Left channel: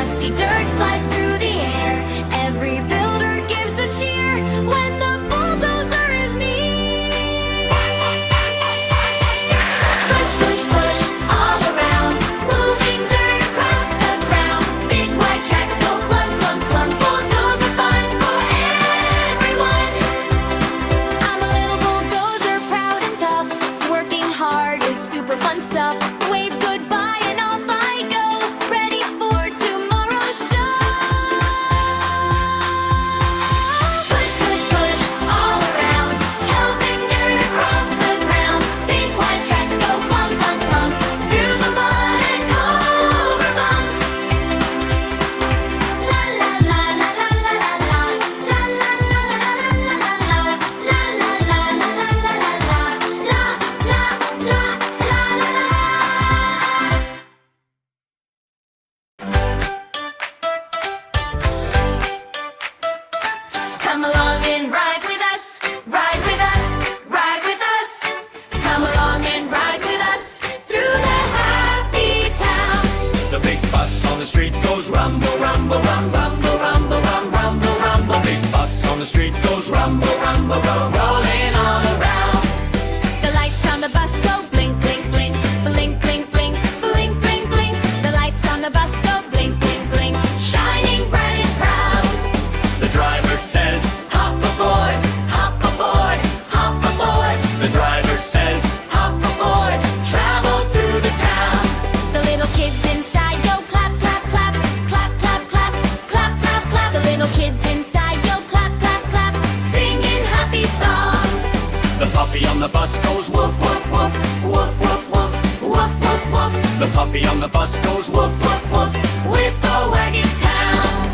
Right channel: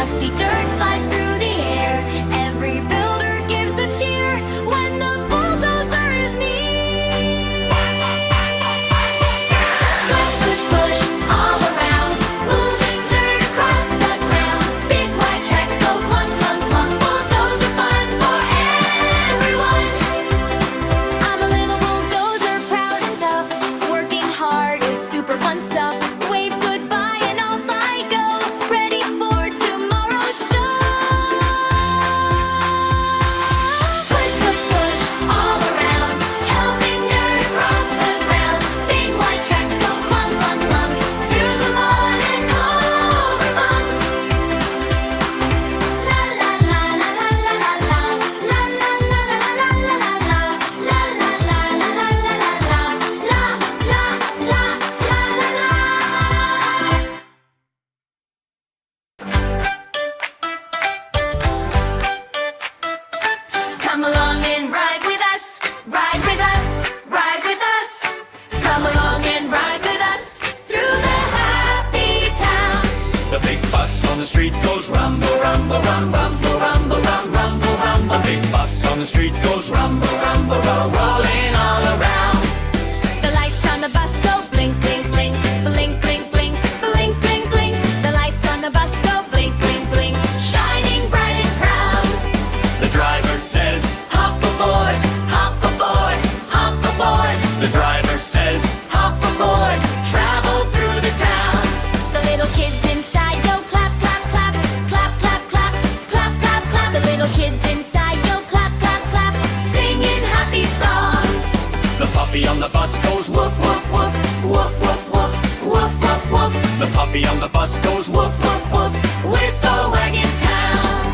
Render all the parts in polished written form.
Dusty dirt flies through the air. Every builder gives a cheer when the bulldozer is near. Push, push, push all around, moving dirt across the ground. Big wide tracks go clunk, clunk, clunk. Bulldozer fun for everyone. I'm a little bulldozer, proud and tough. Working hard is super fun stuff. Wave goodbye and off I go, ready for tomorrow's show. Push, push, push all around, helping dirt across the ground. Big wide tracks go clunk, clunk, clunk, through the mud and over bumps. La la la la la la la la, la la la la la la la la, la la la la la la la la, la la la la la la. Come along and ride with us, ride with us, ride with us. Come along and ride with us through the happy town. The big bus on the street goes rumble, rumble, rum, rumble, rumble, rum, rumble, rumble. Big bus on the street goes rumble, rumble, rum, rolling all around. The lights on the bus go blink, blink, blink, blink, blink, blink, blink, blink, blink. The lights on the bus go blink, blink, blink, shining bright and proud. The driver says, hop aboard, hop aboard, hop aboard. The driver says, hop aboard, travel through the town. The little kids inside go clap, clap, clap, clap, clap, clap, clap, clap, clap. The little kids inside go clap, clap, clap, singing happy songs. The puppy on the bus goes woof, woof, woof, woof, woof, woof, woof, woof, woof. The puppy on the bus goes woof, woof, woof, with the wagon town.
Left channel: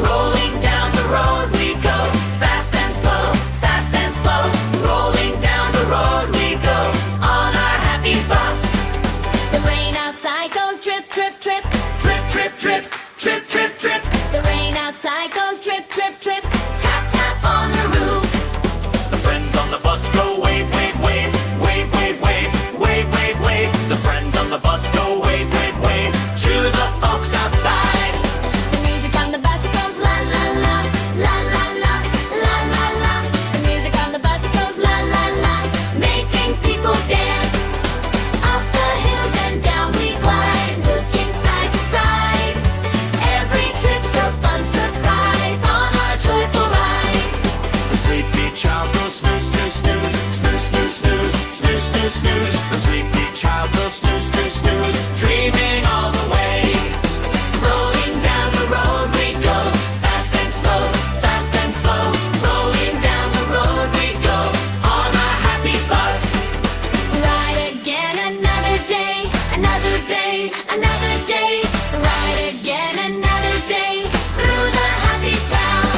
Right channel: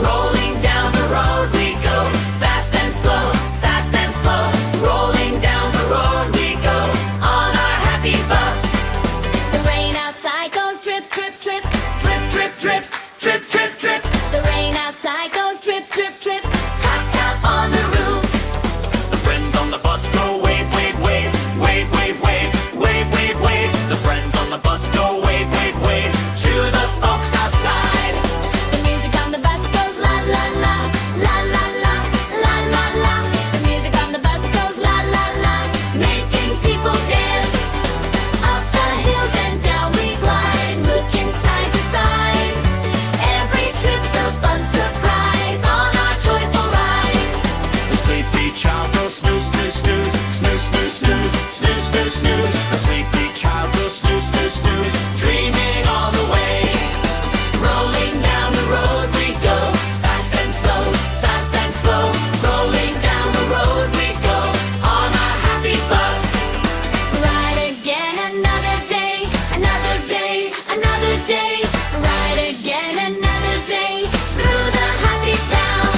Rolling down the road we go, fast and slow, fast and slow. Rolling down the road we go, on our happy bus. The rain outside goes drip, drip, drip, Drip, drip, drip, drip, drip, drip. the rain outside goes drip, drip, drip, tap, tap on the roof. The friends on the bus go wave, wave, wave, wave, wave, wave, wave, wave, wave. The friends on the bus go wave, wave, wave, to the folks outside. The music on the bus goes la, la, la, la, la, la, la, la, la. The music on the bus goes la, la, la, making people dance. Up the hills and down we glide, looking side to side. Every trip's a fun surprise on our joyful ride. The sleepy child goes snooze, snooze, snooze, snooze, snooze, snooze, snooze, snooze, snooze. The sleepy child goes snooze, snooze, snooze, dreaming all the way. Rolling down the road we go, fast and slow, fast and slow. Rolling down the road we go, on our happy bus. Ride again another day, another day, another day. Ride again another day through the happy town.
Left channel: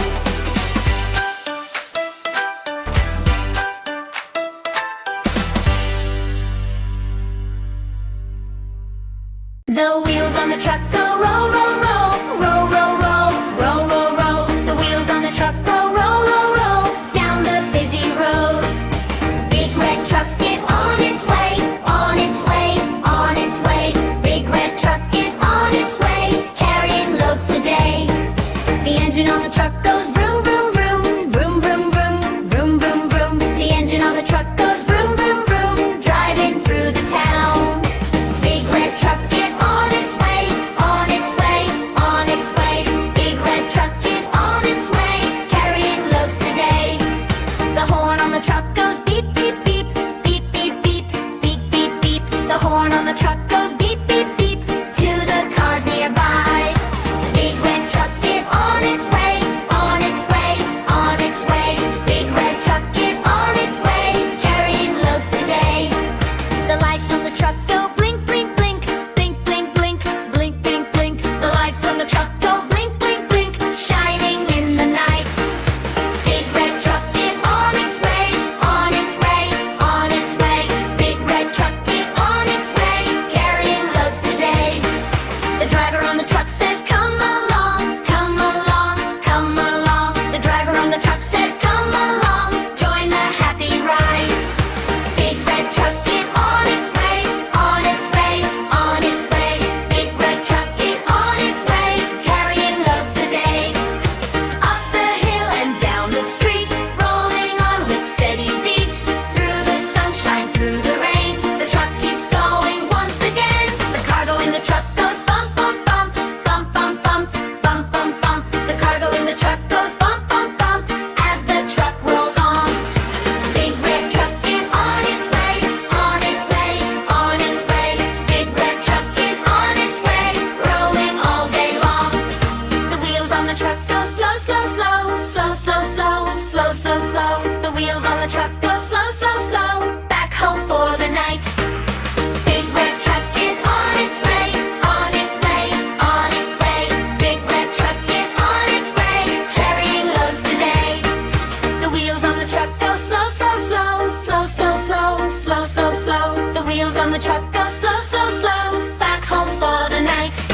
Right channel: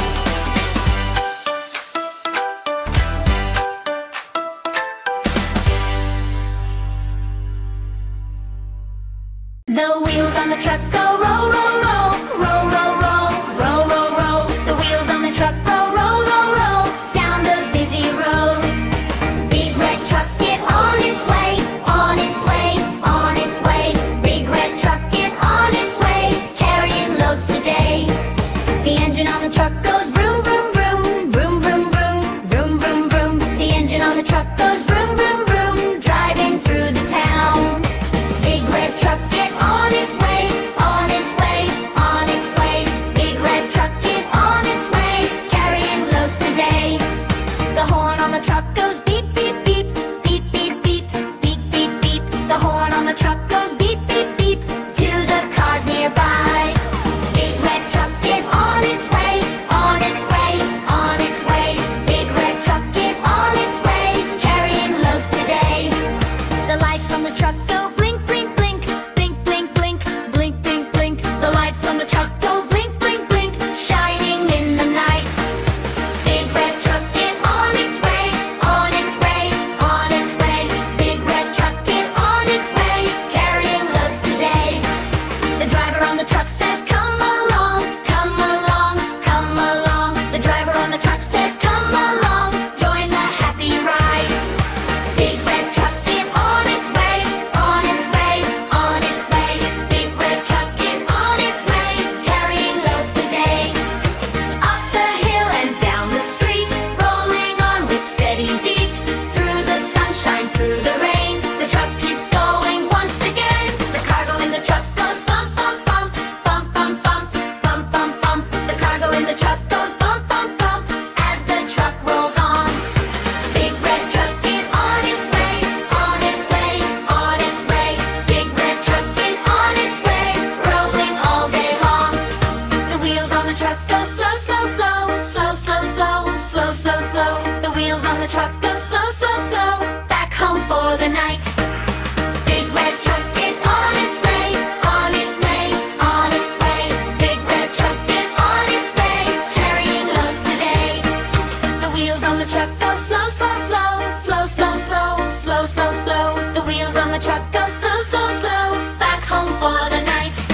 The wheels on the truck go roll, roll, roll, roll, roll, roll, roll, roll, roll. The wheels on the truck go roll, roll, roll, down the busy road. Big red truck is on its way, on its way, on its way. Big red truck is on its way, carrying loads today. The engine on the truck goes vroom, vroom, vroom, vroom, vroom, vroom, vroom, vroom, vroom. The engine on the truck goes vroom, vroom, vroom, driving through the town. Big red truck is on its way, on its way, on its way. Big red truck is on its way, carrying loads today. The horn on the truck goes beep, beep, beep, beep, beep, beep, beep, beep, beep. The horn on the truck goes beep, beep, beep, to the cars nearby. Big red truck is on its way, on its way, on its way. Big red truck is on its way, carrying loads today. The lights on the truck go blink, blink, blink, blink, blink, blink, blink, blink, blink. The lights on the truck go blink, blink, blink, shining in the night. Big red truck is on its way, on its way, on its way. Big red truck is on its way, carrying loads today. The driver on the truck says, come along, come along, come along. The driver on the truck says, come along, join the happy ride. Big red truck is on its way, on its way, on its way. Big red truck is on its way, slow, slow, slow, slow, slow, slow, slow, slow, slow. The wheels on the truck go slow, slow, slow, back home for the night. Big red truck is on its way, on its way, on its way. Big red truck is on its way, carrying loads today. The wheels on the truck go slow, slow, slow, slow, slow, slow, slow, slow, slow. The wheels on the truck go slow, slow, slow, back home for the night.